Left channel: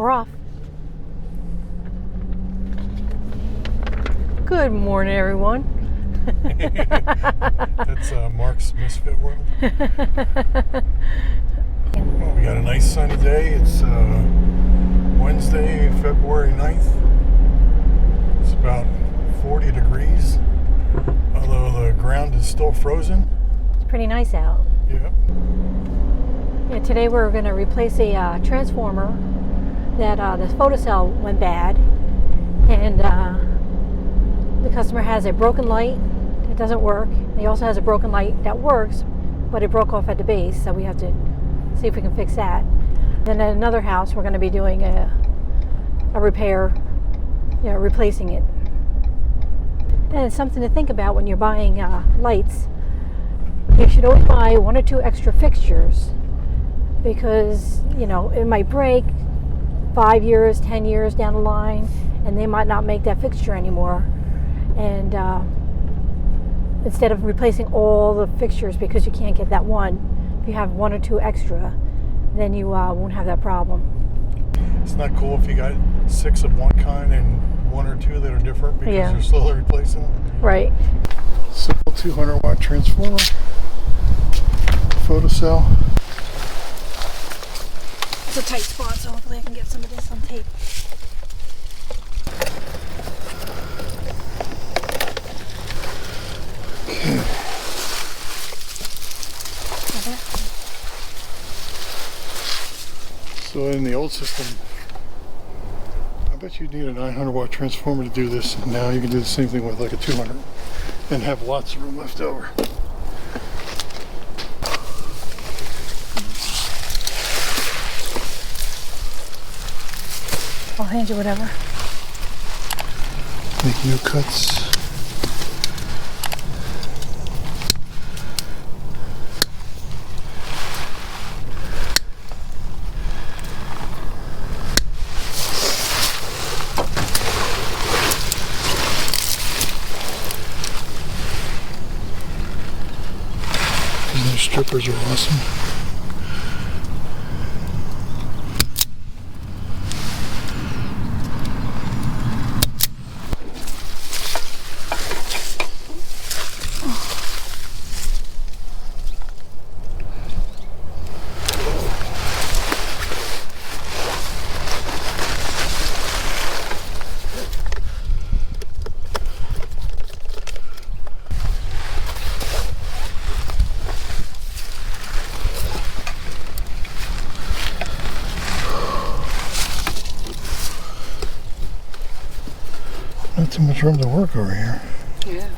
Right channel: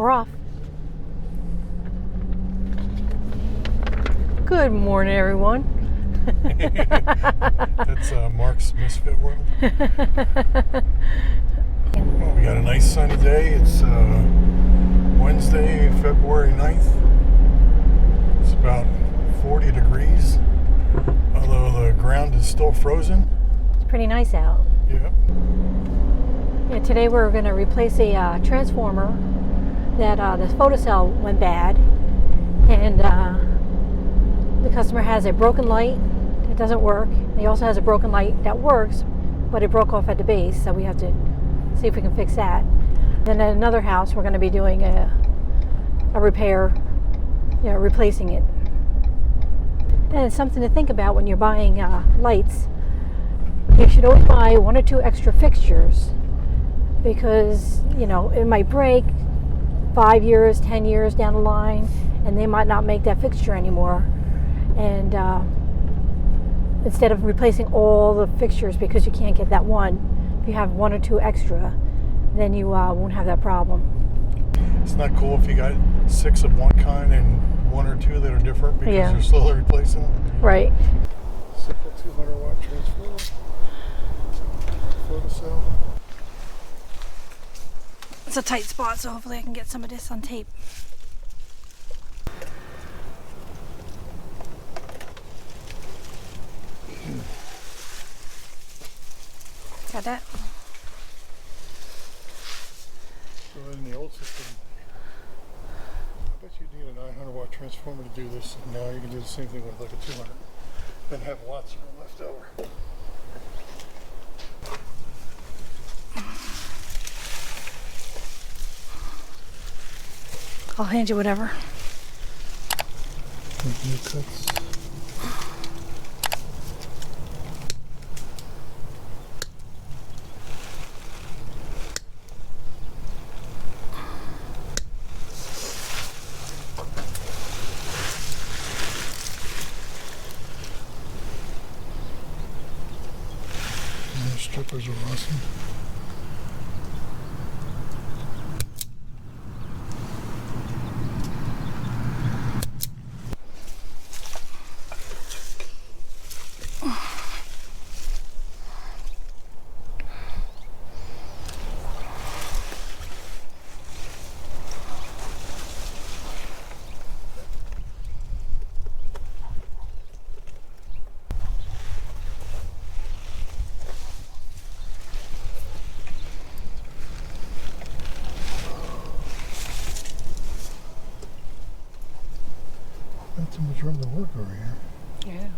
We're off. Good morning, everyone. That's Mark's Misfit World. Well, we got a nice sunny day. It's Wednesday, February 9th. It's about 40 degrees, although the ground is still frozen. It's pretty nice out. Yeah. Yeah, today we're going to replace a transformer that the photocell went bad, and the customer has a broken light that doesn't work. He also has a broken light that works, but it broke off at the base, so we have to see if we can fix that. Then at another house, we're going to be doing a repair, replacing it. And it's something to think about when you're buying lights. You should always buy 1 or 2 extra fixtures, because it might break 5 years, 10 years down the line, and they might not make that fixture anymore. And instead of replacing all the fixtures because you can't get that one, if you have 1 or 2 extra, then you won't have that problem. It's not cool if you got 6 of one kind and 1 or 2 that are different because you're slowly replacing them. Right. Simple 200-watt transformer, photocell. It's a tight spot, so hopefully I can get some of this on tape. Okay. Got that? So in the old system, I bet you'd need a 900-watt transformer to do this. Now you can do the same thing with like a 200 and have lots of room left over. I'll hand you whatever. Make new cuts. These new strippers are awesome. Not too much room to work over here. Yeah.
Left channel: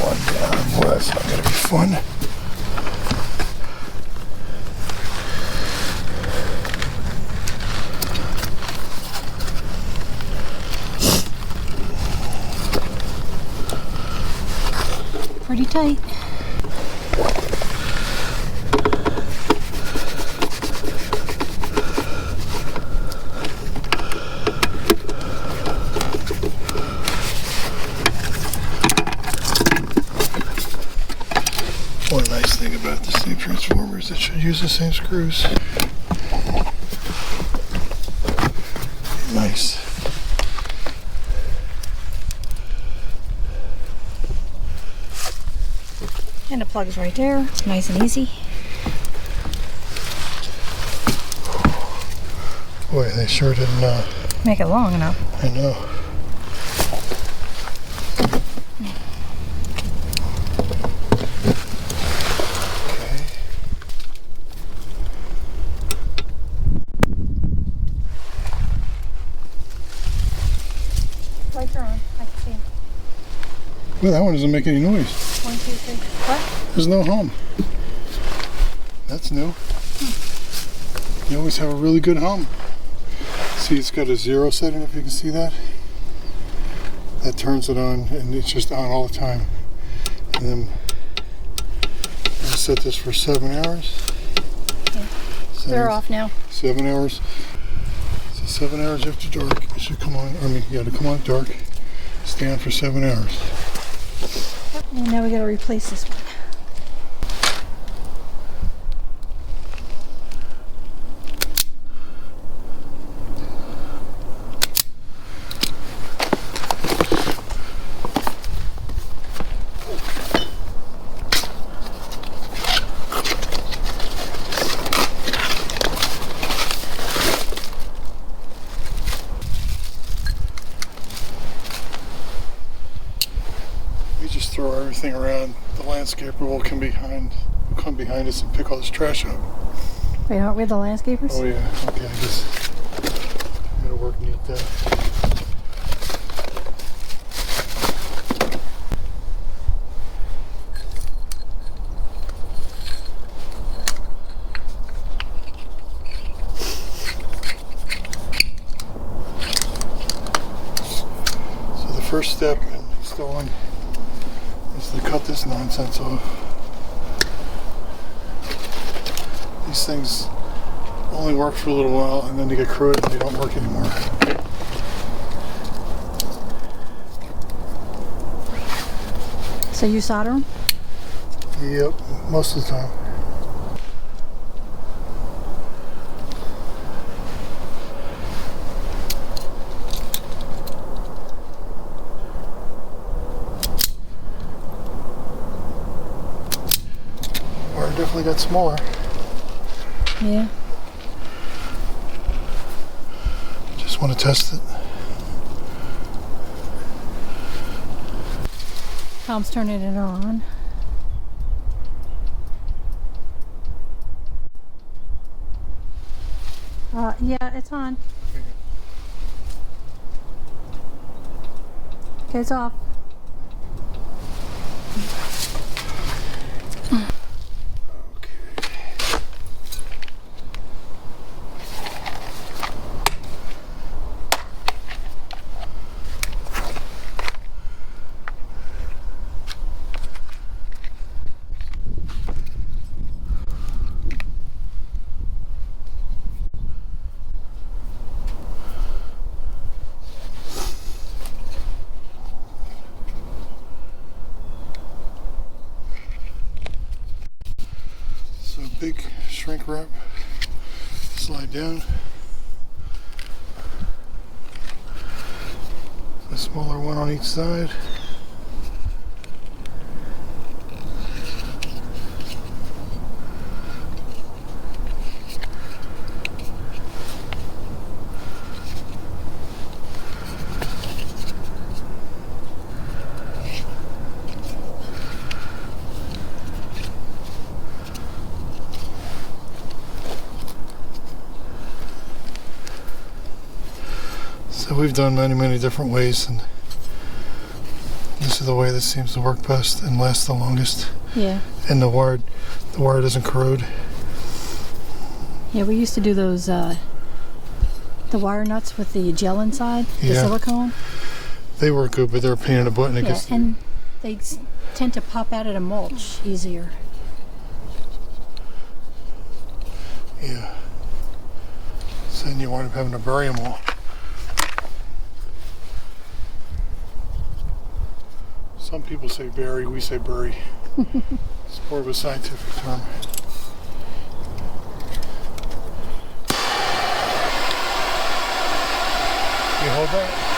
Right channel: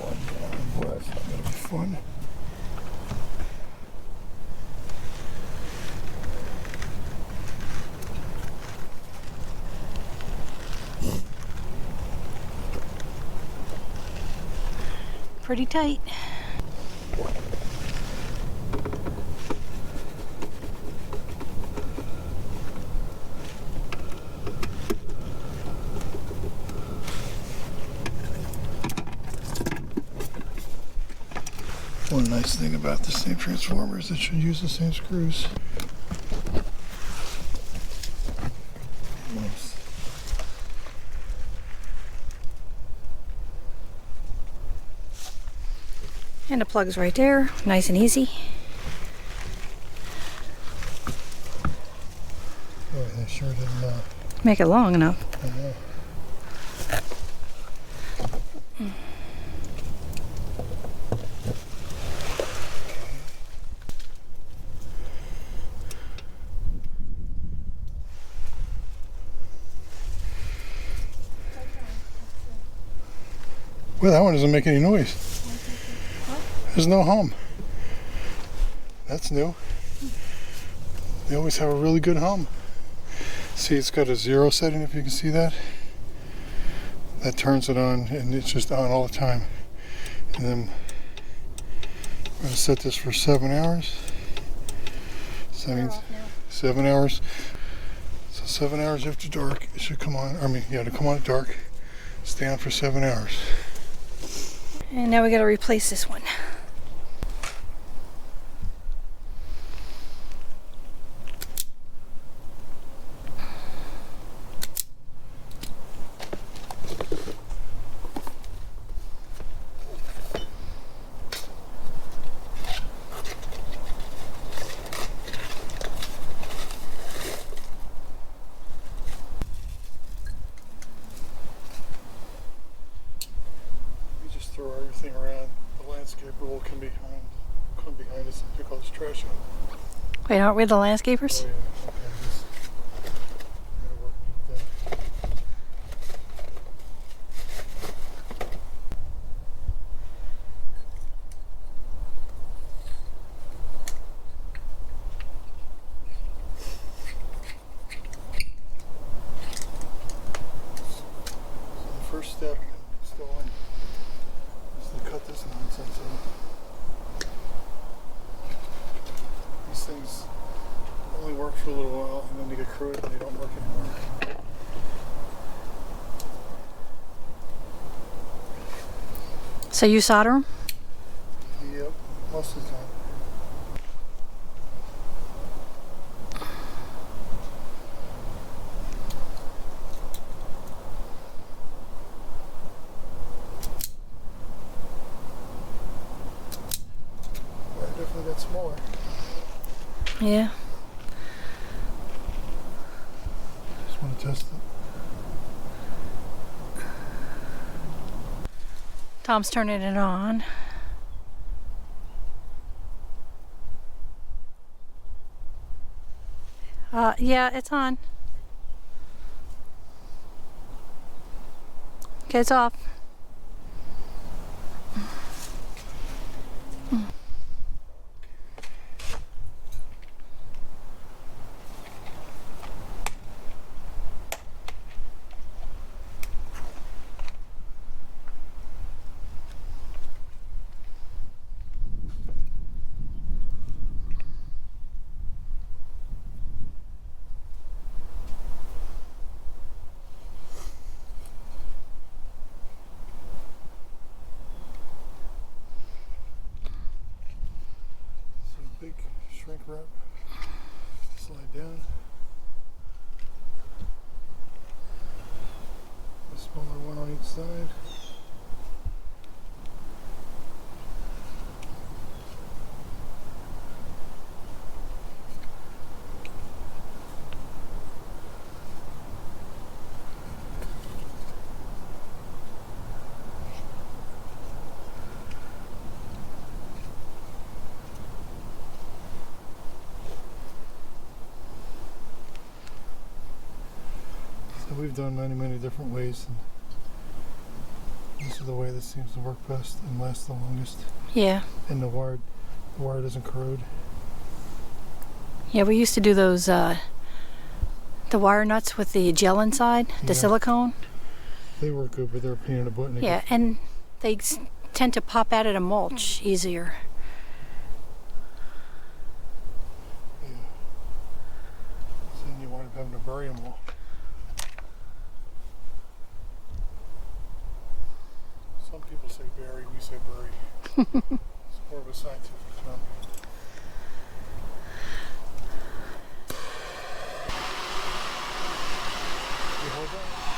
One down. Well, that's not going to be fun. Pretty tight. One nice thing about this new transformer is it should use the same screws. Nice. And the plug's right there. Nice and easy. Boy, they sure didn't Make it long enough. I know. Well, that one doesn't make any noise. 1, 2, 3. What? There's no hum. That's new. You always have a really good hum. See, it's got a 0 setting, if you can see that. That turns it on, and it's just on all the time. And then I'm going to set this for 7 hours. Okay. They're off now. 7 hours. So 7 hours after dark, it should come on. To come on at dark, stay on for 7 hours. And now we got to replace this one. We just throw everything around. The landscaper will come behind us and pick all this trash up. Wait, aren't we the landscapers? Oh yeah, okay, I guess gotta work neat there. So the first step in installing is to cut this nonsense off. These things only work for a little while and then they get corroded and they don't work anymore. So you solder them? Yep, most of the time. Wire definitely got smaller. Yeah. Just want to test it. Tom's turning it on. Yeah, it's on. Okay, it's off. So big shrink wrap, slide down. A smaller one on each side. So we've done many different ways, and this is the way that seems to work best and last the longest. Yeah. And the wire doesn't corrode. Yeah, we used to do those, the wire nuts with the gel inside, the Yeah. silicone. They work good, but they're a pain in the butt. And it Yeah, gets, and they tend to pop out of the mulch easier. yeah. So then you wind up having to bury them all. Some people say bury, we say bury. It's more of a scientific term. You hold that?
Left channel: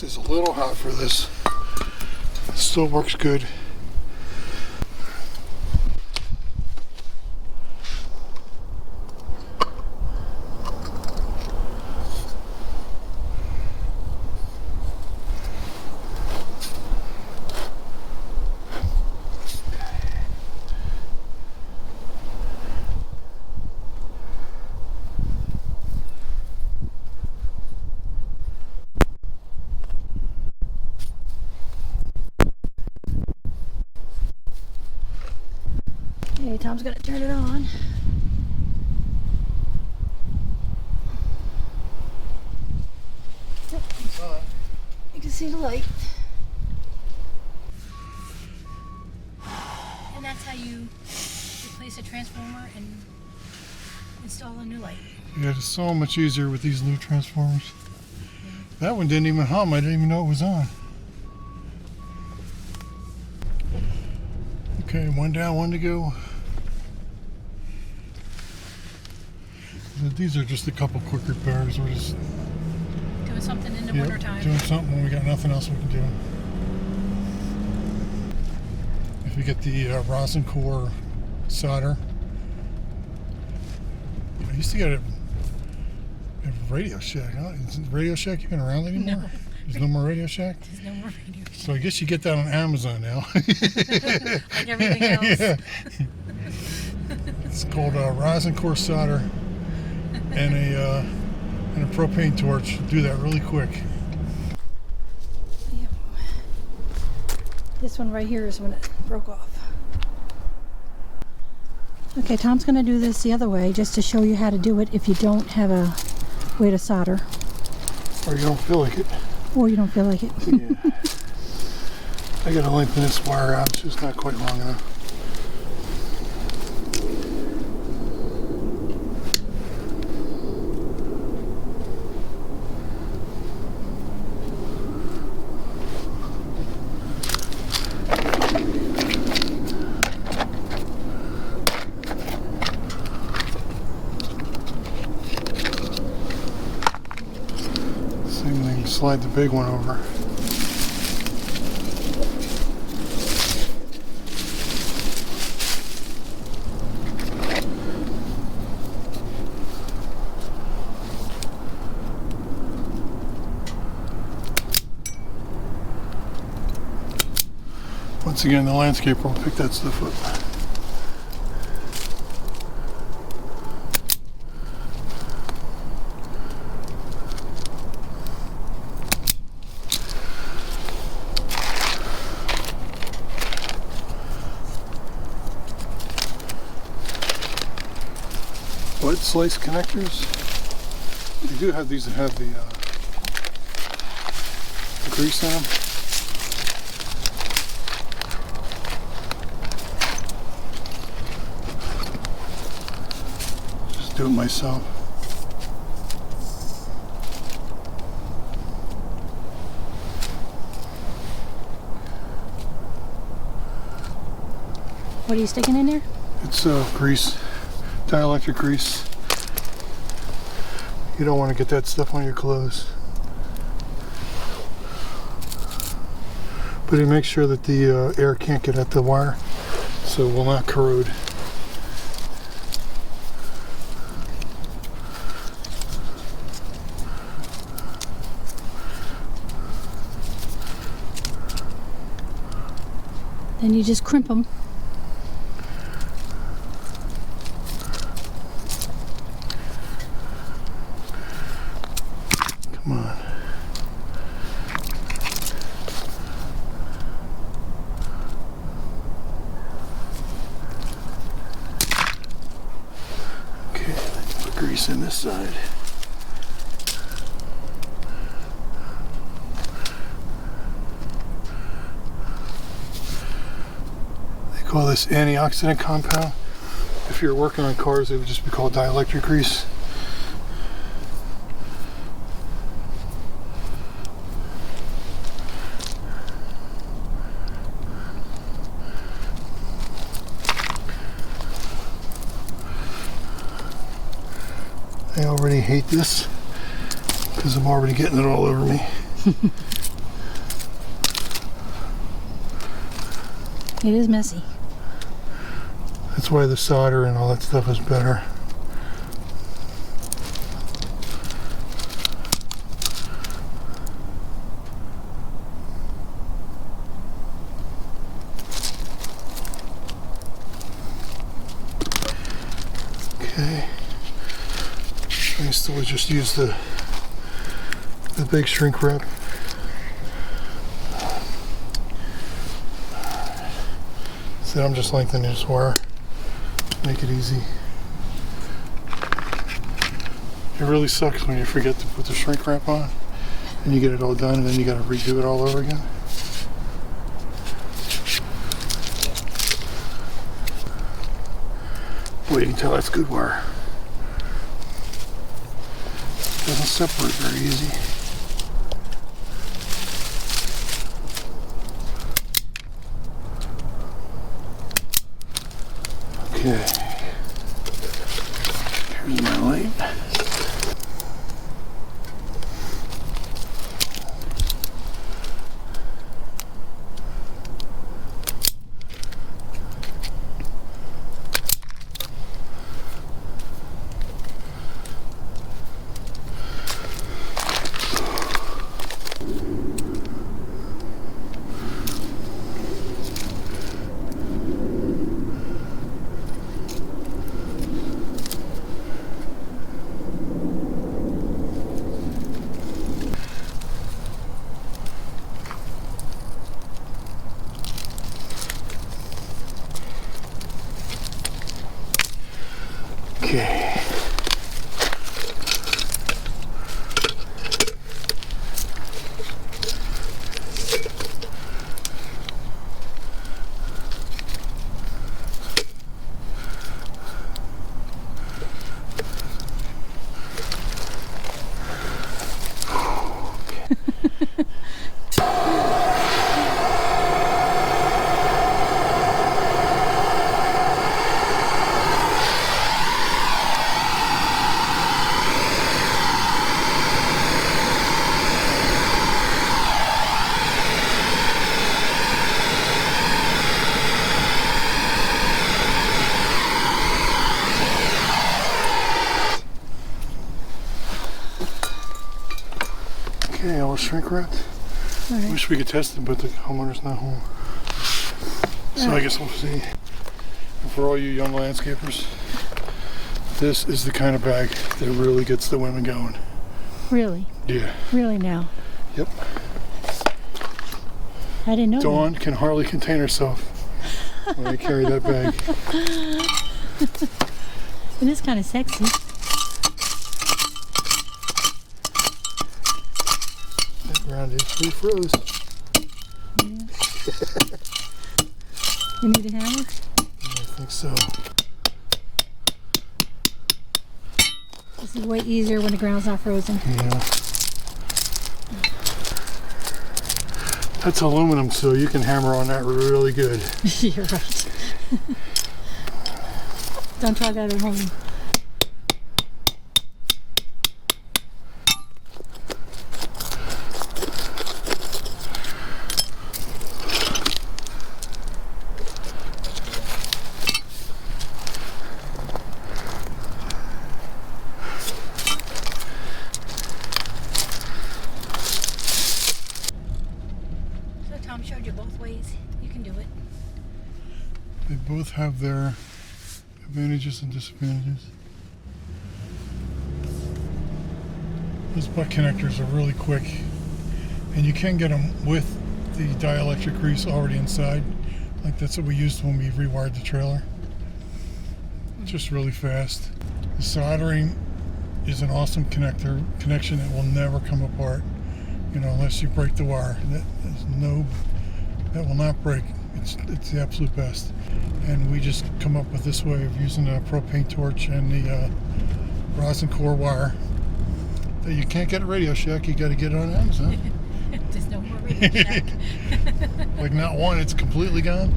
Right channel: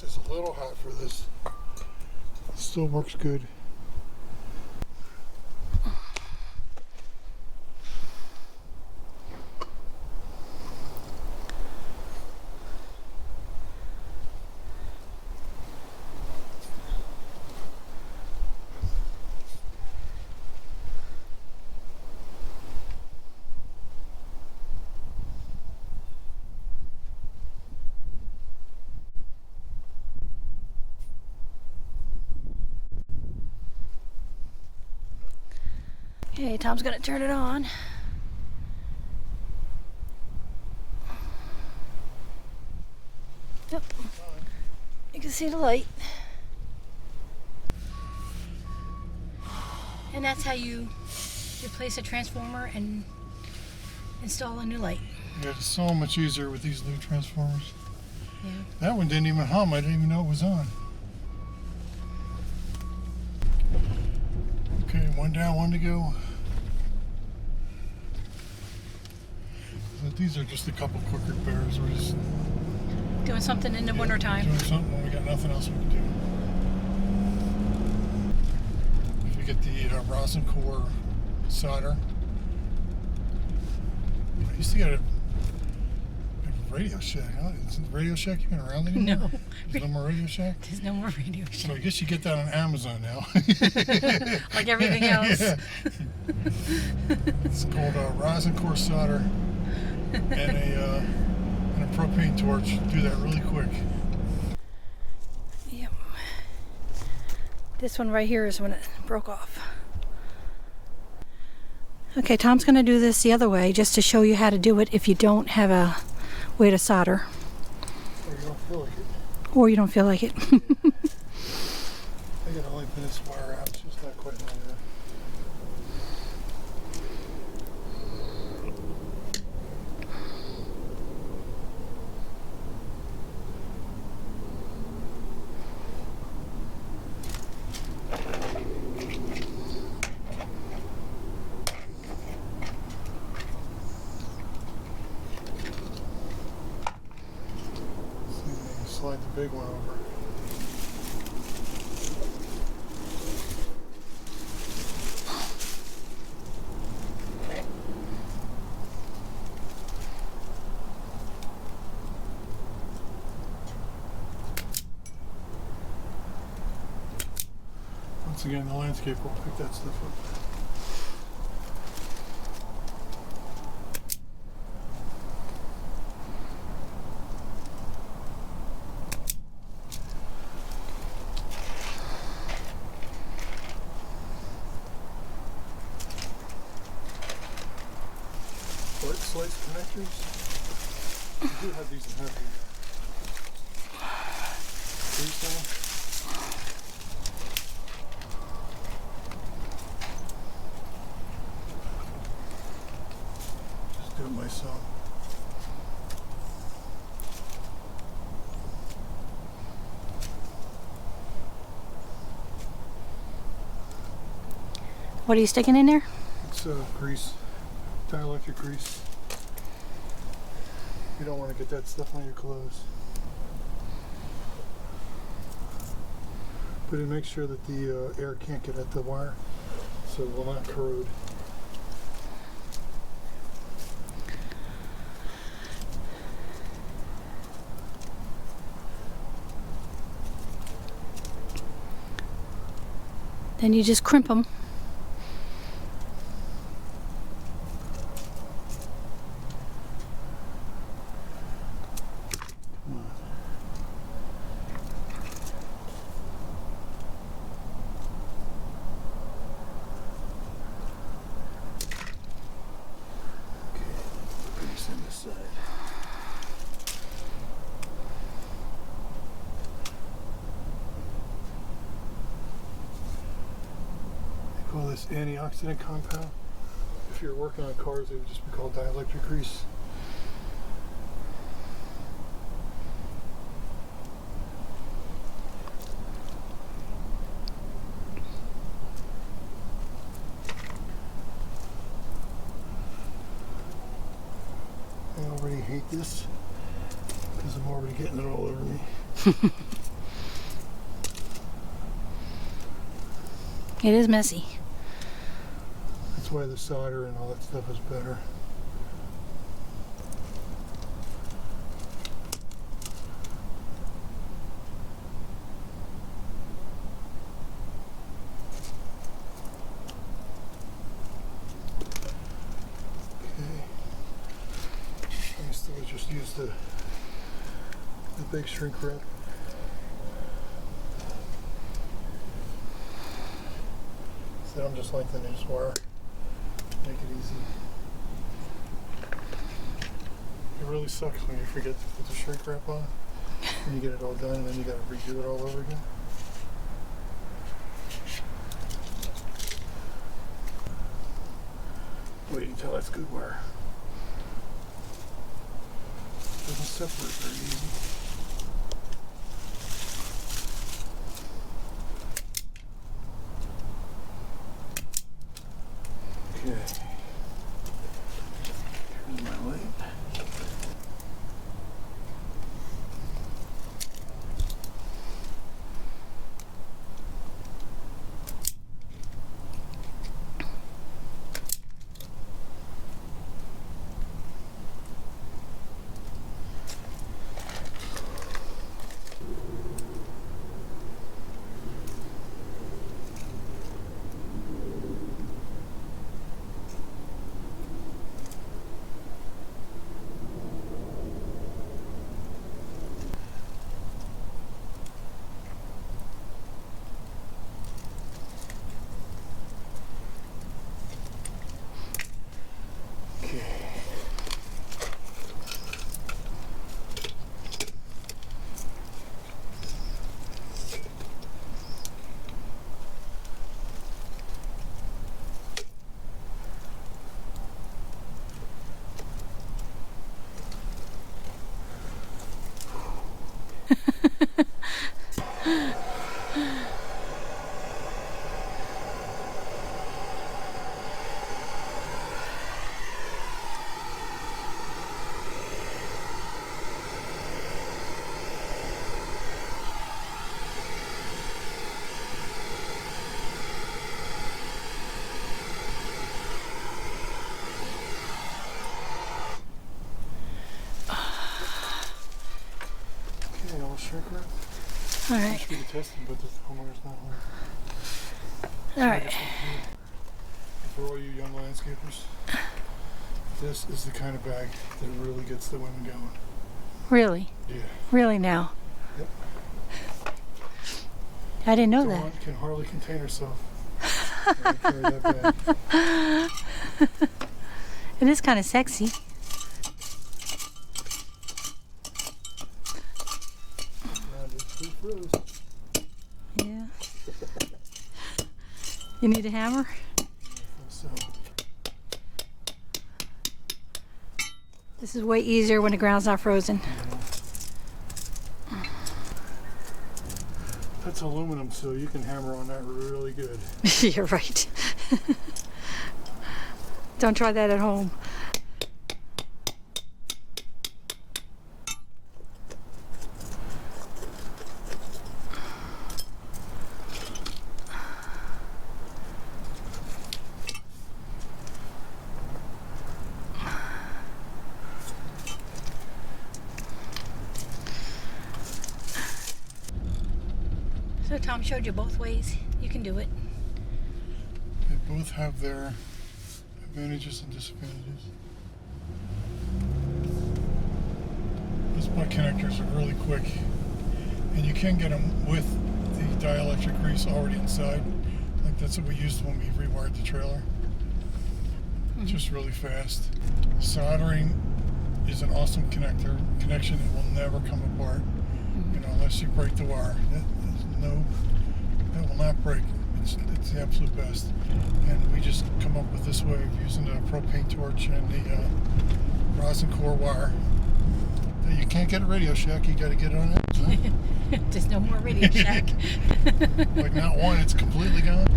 This is a little hot for this. Still works good. Okay, Tom's gonna turn it on. Yep, It's on. you can see the light. And that's how you replace a transformer and install a new light. Yeah, it's so much easier with these new transformers. Yeah. That one didn't even hum. I didn't even know it was on. Okay, one down, one to go. These are just a couple quick repairs. We're just Doing something in the winter time. doing something when we got nothing else we can do. If we get the rosin core solder, I used to get it at Radio Shack. Huh? Is Radio Shack even around anymore? No. There's no more Radio Shack. There's no more radio So show. I guess you get that on Amazon now. Like everything else. Yeah. It's called rosin core solder and a propane torch. Do that really quick. Yep. This one right here is when it broke off. Okay, Tom's going to do this the other way just to show you how to do it if you don't have a way to solder Or you don't feel like it. or you don't feel like it. Yeah. I gotta lengthen this wire out. It's just not quite long enough. Same thing, slide the big one over. Once again, the landscaper will pick that stuff up. Lead slice connectors. You do have these that have the grease in them. Just do it myself. What are you sticking in there? It's grease, dielectric grease. You don't want to get that stuff on your clothes. But it makes sure that the air can't get at the wire, so it will not corrode. Then you just crimp them. Come on. Okay, let's put grease in this side. They call this antioxidant compound. If you're working on cars, it would just be called dielectric grease. I already hate this because I'm already getting it all over me. It is messy. That's why the solder and all that stuff is better. Okay. I used to just use the big shrink wrap. So I'm just lengthening this wire. Make it easy. It really sucks when you forget to put the shrink wrap on and you get it all done and then you gotta redo it all over again. Boy, you can tell that's good wire. Doesn't separate very easy. Okay. Here's my light. Okay. Okay, all shrink wrapped. All I right. wish we could test it, but the homeowner's not home. So I Alright. guess we'll see. And for all you young landscapers, this is the kind of bag that really gets the women going. Really? Yeah. Really now? Yep. I didn't know Dawn can hardly contain herself when I carry that bag. that. It is kind of sexy. That ground is pretty froze. Yeah. You need a hammer? I think so. This is way easier when the ground's not frozen. Yeah. That's aluminum, so you can hammer on that really good. You're right. Don't try that at home. So Tom showed you both ways. You can do it. They both have their advantages and disadvantages. These butt connectors are really quick, and you can get them with the dielectric grease already inside. Like that's what we used when we rewired the trailer. Just really fast. The soldering is an awesome connection that will never come apart, you know, unless you break the wire. That will not break. It's the absolute best. And we just come up with this way of using a propane torch and the rosin core wire that you can't get at Radio Shack. You got to get it on Amazon. There's no more Radio Shack. Like not one, it's completely gone.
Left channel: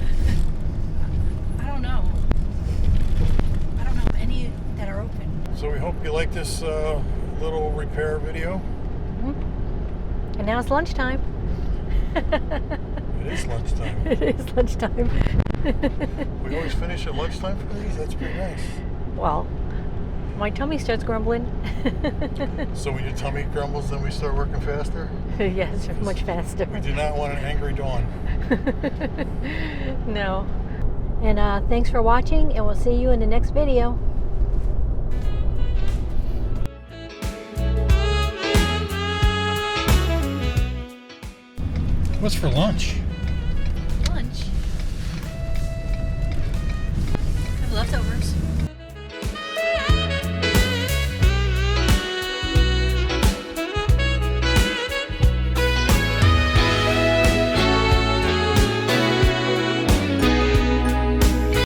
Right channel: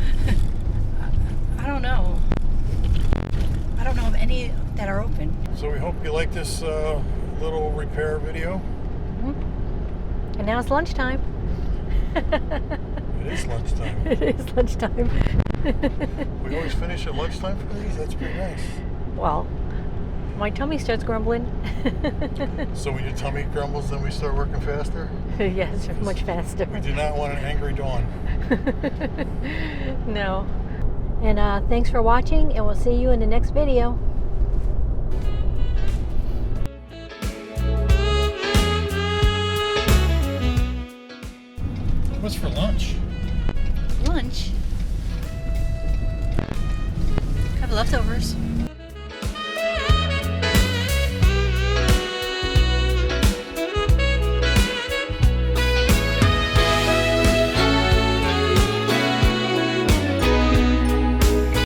I don't know. I don't know of any that are open. So we hope you like this little repair video. And now it's lunchtime. It is lunchtime. It is lunchtime. We always finish at lunchtime for these? That's pretty nice. Well, my tummy starts grumbling. So when your tummy grumbles, then we start working faster? Yes, much faster. We do not want an angry dawn. No. And thanks for watching, and we'll see you in the next video. What's for lunch? Lunch? Have leftovers.